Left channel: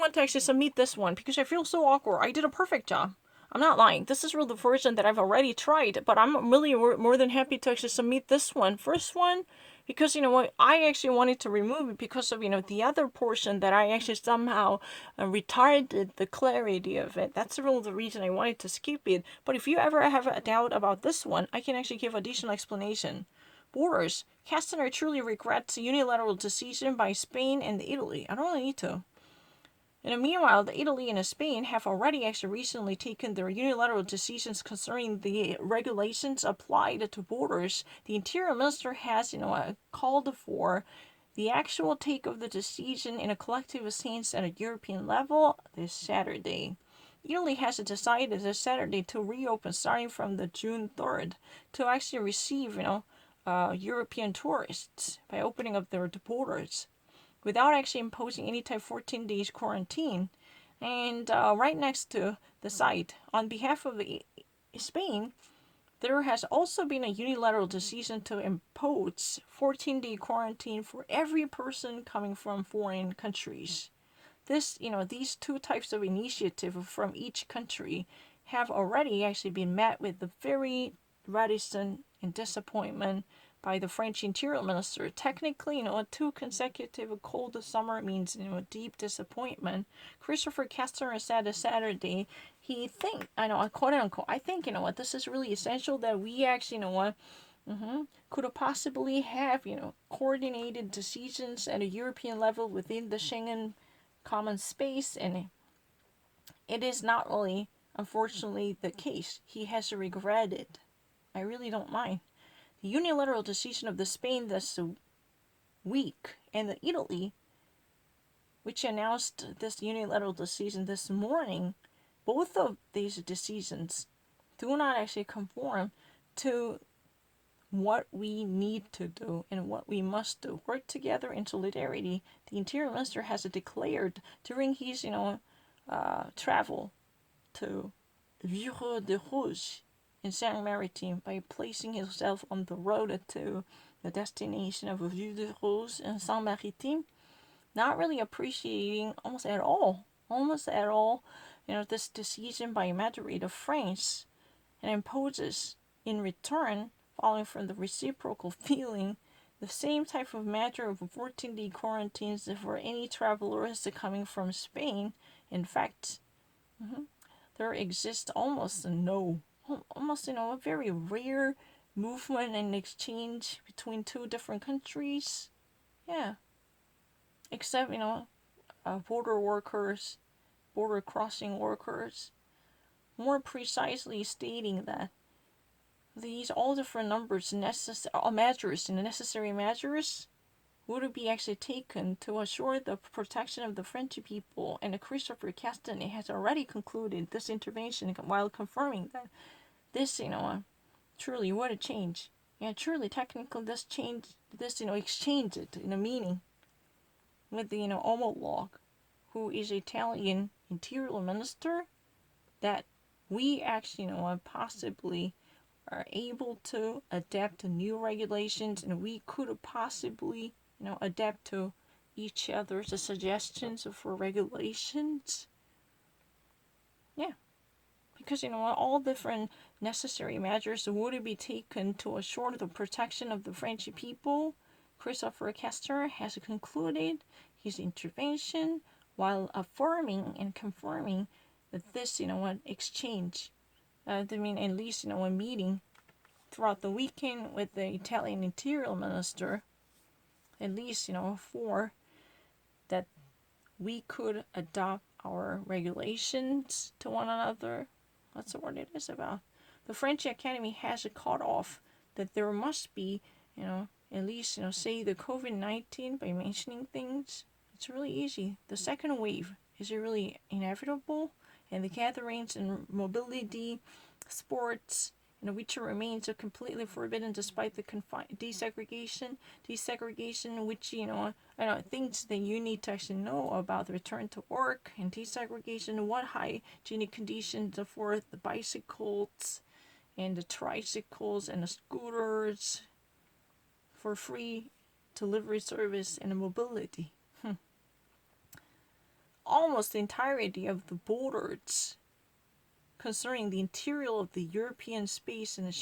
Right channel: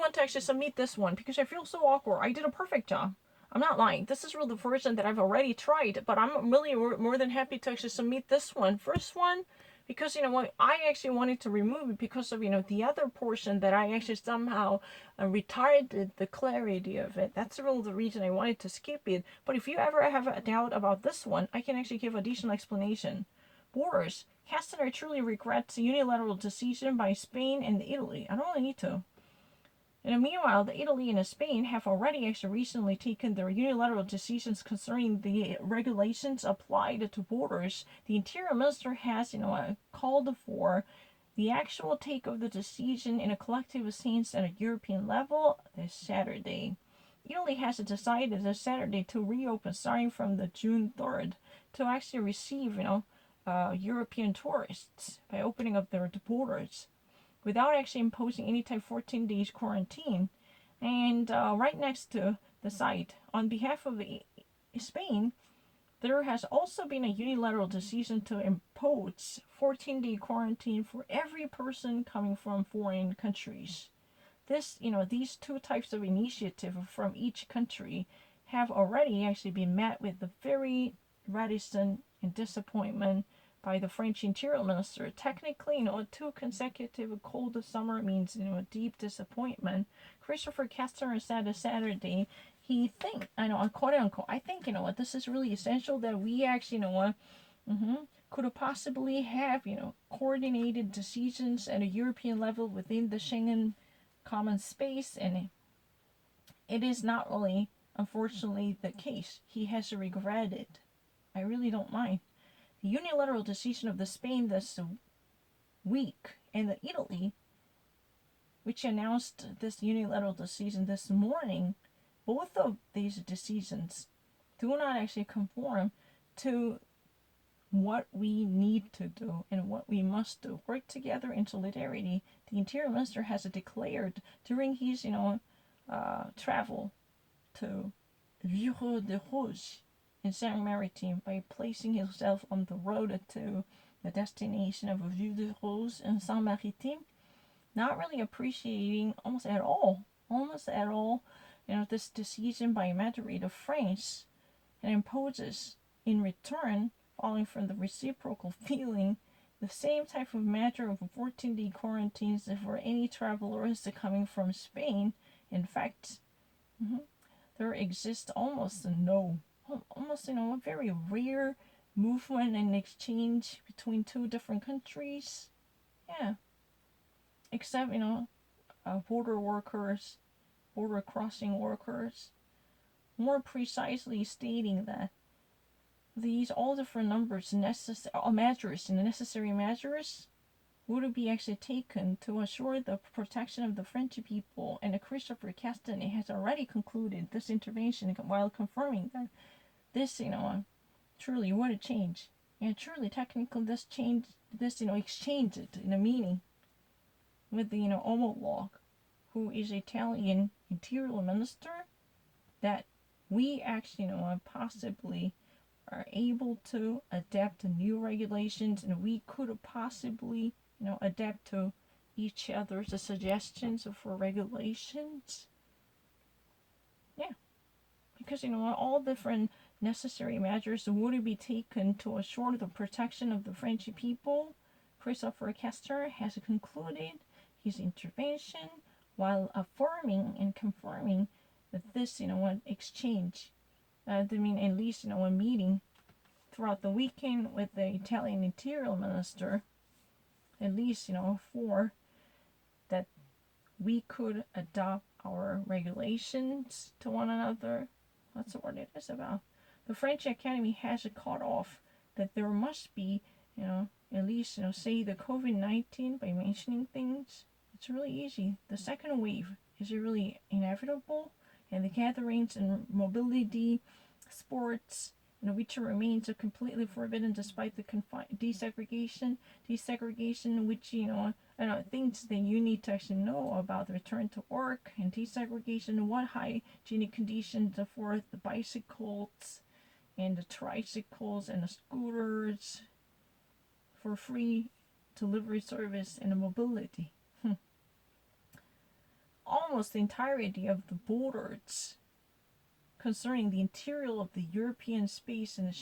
want to actually submit this one because I feel so awkward. I did a perfect job. I'm not lying. This is really the version that I've already tried, but I'm really more than happy to actually submit this one. First one, because you know what, I actually wanted to remove it because of the other portion that I actually somehow retarded the clarity of it. That's really the reason I wanted to skip it. But if you ever have a doubt about this one, I can actually give additional explanation. Borders. Castner truly regrets the unilateral decision by Spain and Italy. I don't really need to. And meanwhile, the Italy and Spain have already actually recently taken their unilateral decisions concerning the regulations applied to borders. The Interior Minister has, called for the actual take of the decision in a collective sense at a European level this Saturday. Italy has decided this Saturday to reopen starting from the June 3rd to actually receive, European tourists by opening up their borders without actually imposing any type of 14 days quarantine. And right next to the site, on behalf of Spain, there has also been a unilateral decision to impose 14-day quarantine for every person coming from foreign countries. These two types of initiative from each country have already actually been met with the very reticent and disappointment by the French Interior Minister. Technically, two consecutive cold summer means, deep disappointment. Christopher Castaner said this Saturday, he think, I know, quote unquote, I think, this is really essential that we actually, could possibly have, coordinated decisions at a European level within the Schengen common space, and it is not really, unfortunately, the case. He has regretted. I really don't mind. The unilateral decision of the Spain this week and the Italy, which announced this unilateral decision this morning, both of these decisions do not actually conform to what we need to do and what we must do. Work together in solidarity. The Interior Minister has declared during his, travel to Vieux de Rouge in Saint Maritime by placing himself on the road to the destination of Vieux de Rouge in Saint Maritime, not really appreciating almost at all, this decision by Madrid of France, and imposes in return, following from the reciprocal feeling, the same type of measure of 14-day quarantines for any travelers coming from Spain. In fact, there exists almost a very rare movement and exchange between two different countries. Yeah, except border workers, border crossing workers, more precisely stating that these all different numbers necessary measures would be actually taken to assure the protection of the French people. And Christopher Castanet has already concluded this intervention while confirming that this, truly would change. And truly, technically, this change, exchange it in a meaning with the, Omolog, who is Italian interior minister, that we actually, possibly are able to adapt to new regulations, and we could possibly, adapt to each other's suggestions for regulations. Yeah, because all different necessary measures would be taken to assure the protection of the French people. Christopher Castaner has concluded his intervention while affirming and confirming that this, exchange, at least, a meeting throughout the weekend with the Italian Interior Minister, at least, for that we could adopt our regulations to one another. That's what it is about. The French Academy has cut off that there must be, at least, say the COVID-19 by mentioning things. It's really easy. The second wave is really inevitable, and the gatherings and mobility, sports, which remains completely forbidden despite the desegregation, which, things that you need to actually know about the return to work and desegregation, what hygienic conditions for the bicycles and the tricycles and the scooters for free delivery service and mobility. almost the entirety of the borders concerning the interior of the European space and